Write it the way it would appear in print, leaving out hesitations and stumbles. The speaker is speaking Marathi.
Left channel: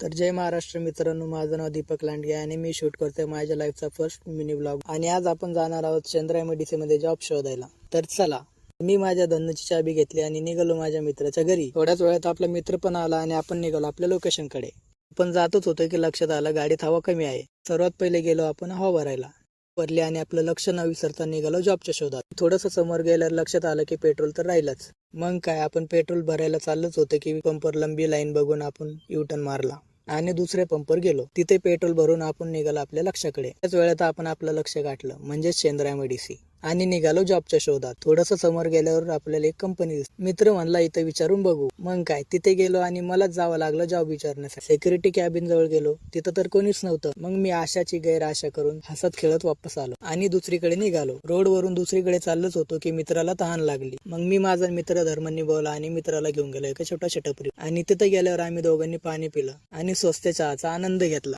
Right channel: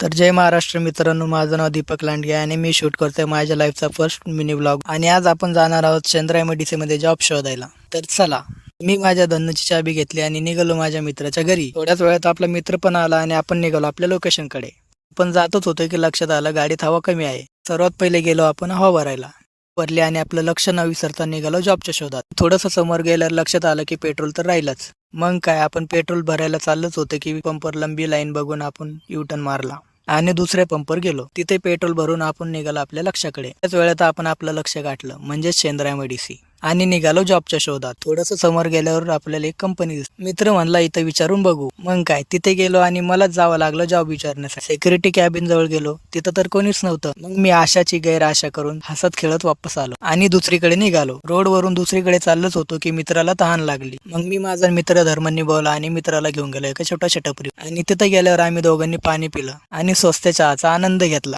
तर जय महाराष्ट्र मित्रांनो, माझं नाव दीपक लांडगे आणि मी शूट करतोय माझ्या लाईफचा फर्स्ट मिनी ब्लॉग. आणि आज आपण जाणार आहोत चंद्रा एमआयडीसी मध्ये जॉब शोधायला. तर चला, मी माझ्या धन्नूची चाबी घेतली आणि निघालो माझ्या मित्राच्या घरी. थोड्याच वेळात आपला मित्र पण आला आणि आपण निघालो आपल्या लोकेशन कडे. पण जातच होतो की लक्षात आलं गाडीत हवा कमी आहे. सर्वात पहिले गेलो आपण हवा भरायला. भरली आणि आपलं लक्ष न विसरता निघालो जॉबच्या शोधात. थोडंसं समोर गेल्यावर लक्षात आलं की पेट्रोल तर राहिलंच. मग काय, आपण पेट्रोल भरायला चाललंच होतं की पंपवर लंबी लाईन बघून आपण युटर्न मारला आणि दुसऱ्या पंपवर गेलो. तिथे पेट्रोल भरून आपण निघालो आपल्या लक्षाकडे. त्याच वेळात आपण आपलं लक्ष गाठलं, म्हणजेच चंद्रा एमआयडीसी, आणि निघालो जॉबच्या शोधात. थोडस समोर गेल्यावर आपल्याला एक कंपनी दिसली. मित्र म्हणला इथं विचारून बघू. मग काय, तिथे गेलो आणि मलाच जावं लागलं जॉब विचारण्यासाठी. सिक्युरिटी कॅबिन जवळ गेलो, तिथं तर कोणीच नव्हतं. मग मी आशाची गैरआशा करून हसत खेळत वापस आलो आणि दुसरीकडे निघालो. रोडवरून दुसरीकडे चाललोच होतो की मित्राला तहान लागली. मग मी माझा मित्र धर्मांनी बोला आणि मित्राला घेऊन गेलो एका छोट्याशा टपरी. आणि तिथे गेल्यावर आम्ही दोघांनी पाणी पिलं आणि स्वस्त चहाचा आनंद घेतला.